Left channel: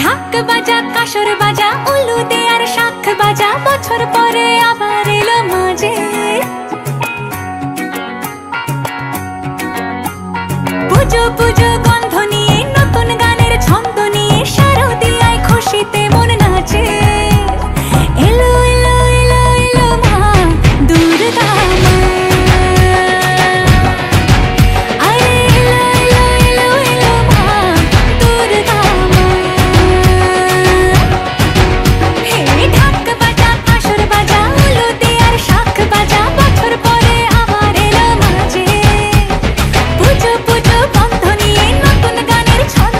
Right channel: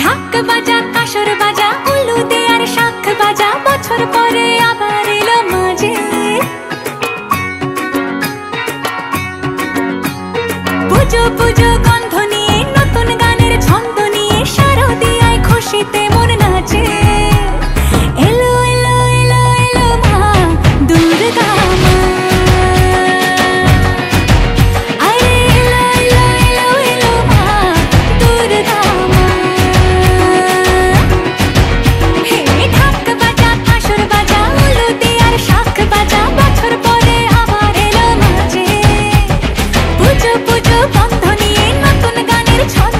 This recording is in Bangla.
ঢাক বাজা কাসর বাজা উলু দে আর শাখ বাজা, বছর পরে আবার এলো মাঝে। পুজো পুজো গন্ধ নিয়ে নতুন গানের ছন্দ নিয়ে শারদিয়ায় খুশিতে মন নাচে। এলো এলো এলো এলো মা দুর্গা মা, আরে এলো এলো এলো এলো মা দুর্গা মা। হে ঢাক বাজা কাসর বাজা উলু দে আর শাখ বাজা, বছর পরে আবার এলো মাঝে। পুজো পুজো গন্ধ নিয়ে নতুন গানের ছন্দ